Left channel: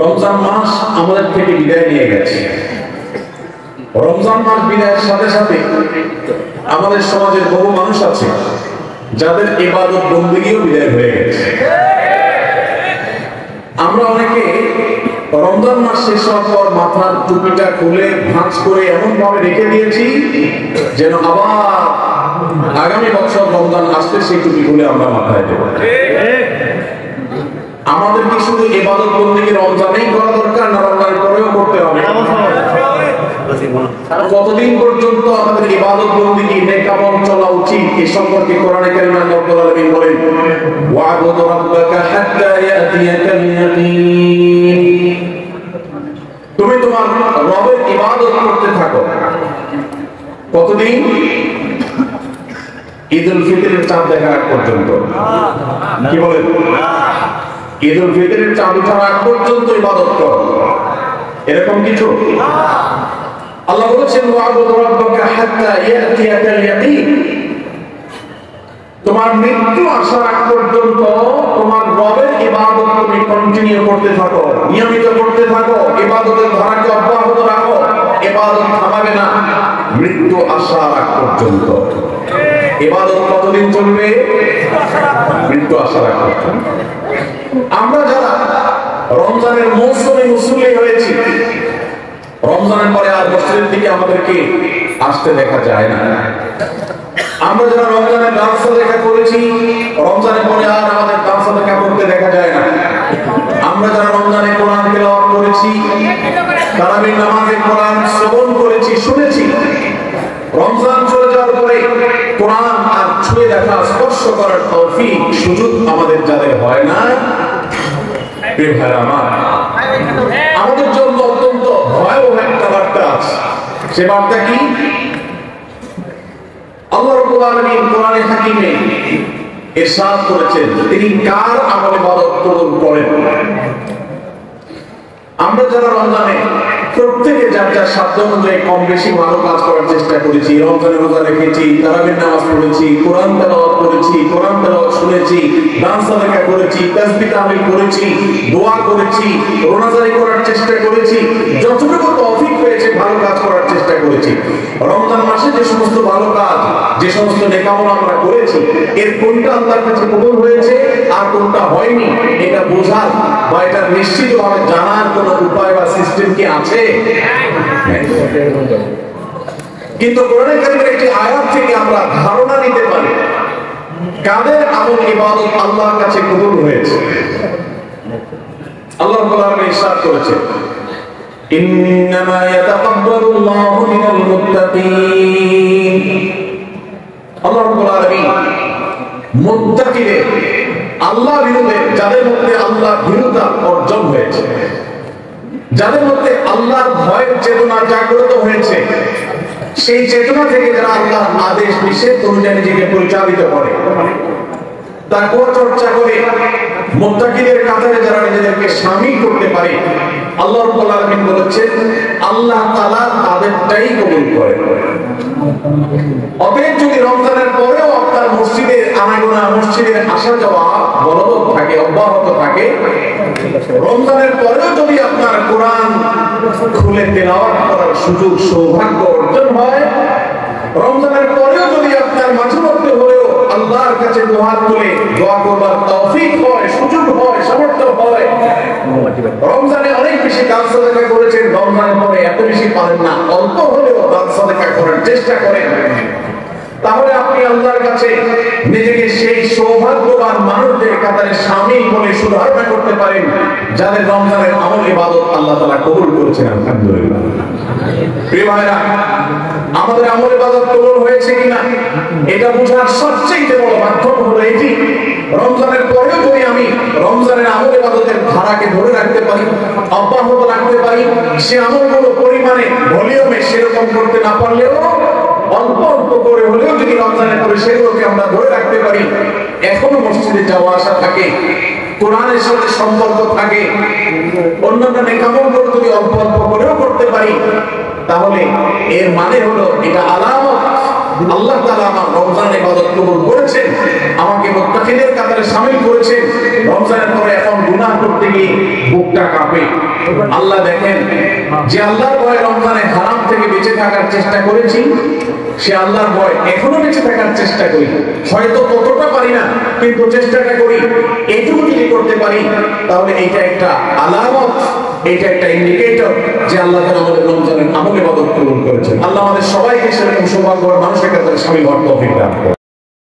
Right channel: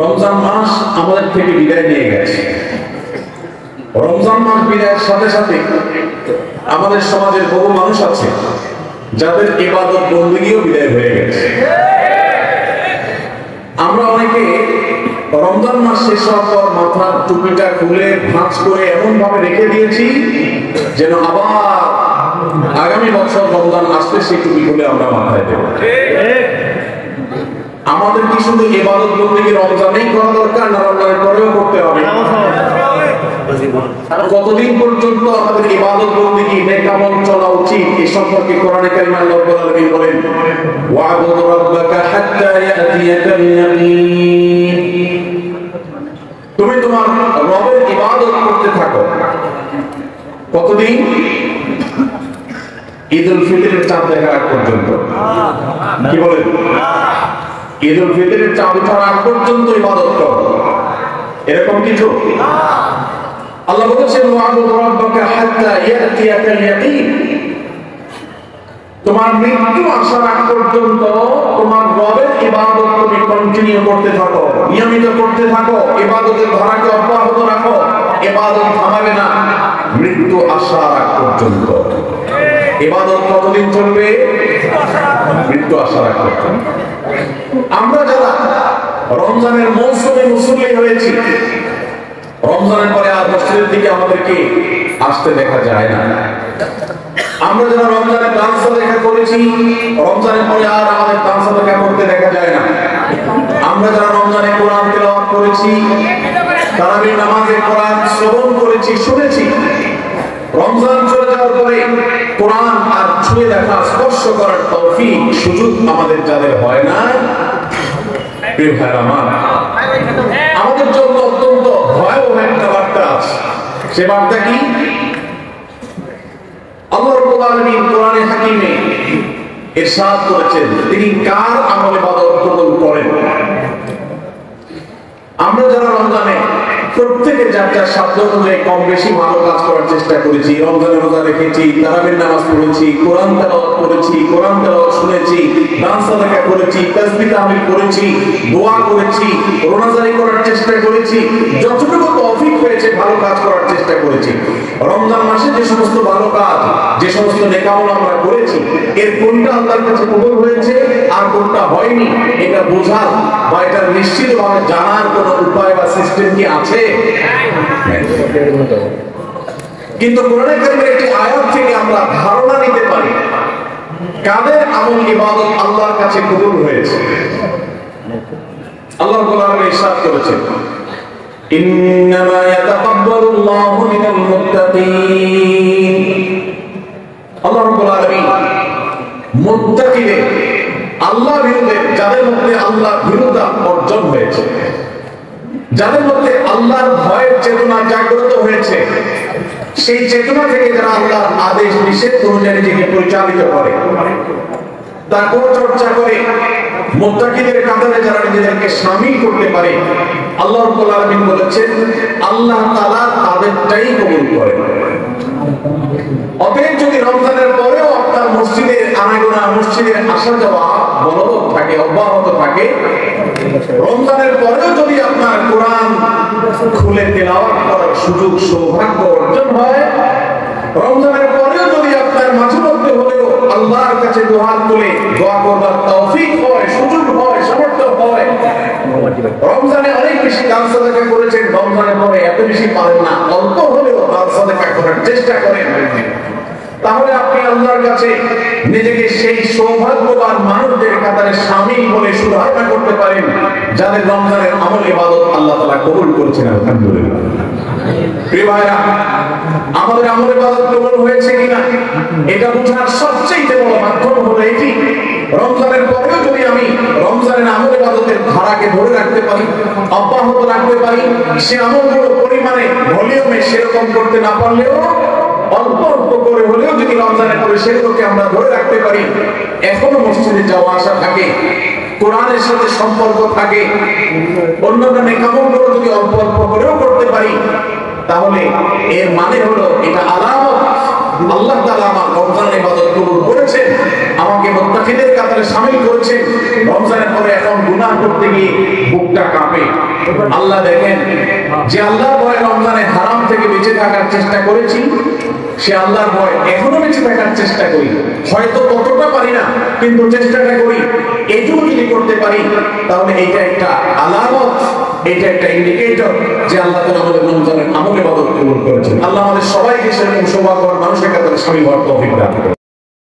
রমজান মাস আমাদের থেকে বিদায় নিয়ে গেছে। রমজান মাস বিদায়ের সাথে সাথে আমাদের সমাজের বহু মানুষ আছে যাদের ইবাদত বন্দেগীও বিদায় হয়ে গেছে। আমরা অনেকে রমজান মাস শেষ হওয়ার পর মাথার টুপিটা খুলে ভাঁজ করে এমন ভাবে রেখে দিয়েছি যেন আবার আগামী বছর রমজান আসলে সেই টুপি খুলে আমরা মাথায় দেব। আমাদের কি শুধু ইবাদত বন্দেগী রমজানেই করা দরকার, না রমজানের পরেও করতে হবে? কতদিন পর্যন্ত আমাদের ইবাদত বন্দেগী নেক আমল চলা উচিত এ সম্পর্কে কোরআনে কারিমে আল্লাহ রাব্বুল আলামিন বলেন, ওয়া'বুদ রাব্বাকা হাত্তা ইয়াতিয়াকাল ইয়াকিন। তুমি তোমার রবের ইবাদত করতে থাকো। কতদিন? ঈদুল ফিতরের চাঁদ দেখার আগ পর্যন্ত। কি বলেন? ঈদুল ফিতরের চাঁদ ওঠার আগ পর্যন্ত ইবাদত করো, এরকম কিছু? আল্লাহ বলেছেন, ওয়া'বুদ রাব্বাকা হাত্তা ইয়াতিয়াকাল ইয়াকিন। তোমার মৃত্যু আসার আগ পর্যন্ত তোমার রবের ইবাদত তুমি কন্টিনিউ করতে থাকো, নিয়মিত করতে থাকো, ইবাদতের ধারাকে অব্যাহত রাখো, ইবাদত থামাবে না মৃত্যু আসার আগ পর্যন্ত। ইবাদত কতদিন চলবে? মৃত্যু আসার আগ পর্যন্ত। আমরা যারা রমজানের মৌসুমে মুসল্লি হয়েছি, রমজানের পরে আর মসজিদের দিকে আমাদেরকে আসতে দেখা যায় না। আমরা যারা রমজানে ডান্স দেখা করেছি, রমজানের পরে আর আমাদের ডান্স দেখা করতে দেখা যায় না। আমরা যারা রমজানে কোরআন তেলাওয়াত করেছি, তারাবির নামাজে কোরআন শ্রবণ করেছি, শুনেছি, রমজান চলে যাওয়ার পরে কোরআন আর ছুঁয়ে দেখা, স্পর্শ করার তৌফিক সুযোগ আমাদের যাদের হয় না, আমাদের জন্য অত্যন্ত ভয়াবহ একটা বার্তা আছে। সে বার্তা কি? আল্লাহ রাব্বুল আলামিন কোরআনে হাকিমে ইরশাদ করেছেন তিনি কার আমল ইবাদত কবুল করেন। আমরা যারা রমজানে প্রত্যেকে যার যার সাধ্য অনুযায়ী কম বেশি ভালো কাজ করার চেষ্টা করেছি, রমজানে রোজা রেখেছি, তারাবির নামাজ পড়েছি, কোরআন তেলাওয়াত করেছি, কোরআন তেলাওয়াত শুনেছি, দান সাদাকা করেছি, তাসবিহ তাহলিল করেছি, দোয়া করেছি, রোজাদারি করার চেষ্টা করেছি, যতটুকু তৌফিক হয়েছে ভালো কাজ করার চেষ্টা করেছি। রমজান মাসে যে সমস্ত ভালো কাজ, যে সমস্ত নেক আমল আমরা করেছি, এর কোনটা আল্লাহর কাছে কবুল হয়েছে আর কোনটা হয়নি এটা বোঝার বা এটা নিশ্চিতভাবে জানার কোন উপায় বা সিস্টেম কি আছে? কিন্তু কোরআনে কারিমের একটি আয়াত থেকে আমরা ধারণা নিতে পারি কাদের আমল ইবাদত আল্লাহর কাছে কবুল হয়েছে। আল্লাহ রাব্বুল আলামিন ইরশাদ করেছেন, ইন্নামা ইয়াতাকাব্বালুল্লাহু মিনাল মুত্তাকিন। আল্লাহ রাব্বুল আলামিন মুত্তাকিদের, আল্লাহ ভীরুদের, যাদের মধ্যে আল্লাহ ভীরুতা অর্জন হয়েছে, যাদের মধ্যে আল্লাহর ভয়ের চেতনা জাগ্রত হয়েছে, সেই চেতনা থেকে যারা আল্লাহর আদেশ নিষেধ অনুযায়ী নিজেকে পরিচালিত করে, তাকওয়া চর্চা করে, মুত্তাকিদের কাতারে যারা নিজেদেরকে শামিল করতে পারে, আল্লাহ রাব্বুল আলামিন বলেছেন আল্লাহ তাআলা তাদেরটাই কবুল করেন। অতএব যদি রমজানের পরেও আপনার মসজিদের আনাগোনা, মসজিদের আসা যাওয়া বলবৎ থাকে, অব্যাহত থাকে, রমজানের পরেও যদি আপনার কোরআন খুলে তেলাওয়াত করার সুযোগ সৌভাগ্য অর্জন হয়, রমজানের পরেও যদি আপনার মাঝে মধ্যে হলেও আল্লাহর কাছে দুহাত তুলে দোয়া করবার তৌফিক হয়, সুযোগ হয়, সামর্থ্য হয়, রমজানে অনেক বেশি দান সাদাকা করেছেন, রমজানের পরে এত বেশি পারেন না, অল্প হলেও দান সাদাকা করার চেষ্টা করেন, তাহলে আপনি আল্লাহর কাছে নিজেকে সেই সৌভাগ্যবান মানুষদের কাতারে শামিল বলে সুধারণা করতে পারেন যাদের রমজানের আমল ইবাদত আল্লাহ তাআলা কবুল করেছেন। আলহামদুলিল্লাহ। প্রিয় ভাইরা, আমাদের আমল ইবাদত কবুল হয়েছে কিনা এটা বোঝার সবচেয়ে বড় মাধ্যম হলো এটি, রমজানের পরেও যদি আমি রমজানের আমল ইবাদতের ধারাকে ধরে রাখতে পারি, অব্যাহত রাখতে পারি, সে আমলগুলো পরিমাণে ভলিউমে সেরকম করতে না পারলেও অল্প অল্প করে হলেও যদি রমজানের পরে সেগুলোকে আমরা ধরে রাখতে পারি, এখনো মসজিদে যাওয়া আসা থাকে, কোরআনের সাথে সম্পর্ক থাকে, অন্যান্য নেক আমলগুলো যদি অল্প অল্প করেও করতে পারি, তাহলে এর মানে হলো এটা আলামত আল্লাহ তাআলা আমার রমজানের ইবাদত কবুল করেছেন, আমাকে মুত্তাকিদের কাতারে শামিল করেছেন। রমজানের পরে এখন গুনাহ করতে গিয়ে বুকটা কাঁপে। আল্লাহ দেখেন, যে আল্লাহর ভয়ে রমজানে হারাম থেকে বেঁচে থাকার চেষ্টা করেছি, সে আল্লাহর ভয় এখনো বেঁচে থাকার চেষ্টা করি। হয়তো ততটা পারি না, কিন্তু চেষ্টাটা করি। এইটুকু যদি করতে পারি, তাহলে এটা একটা আলামত, এটা একটা ইন্ডিকেটর যে আল্লাহ তাআলা আমাদের রমজানের আমল ইবাদত কবুল করেছেন। আল্লাহ আমাদের সবাইকে সেরকম সৌভাগ্যবান মানুষের কাতারে শামিল হওয়ার তৌফিক দান করুন।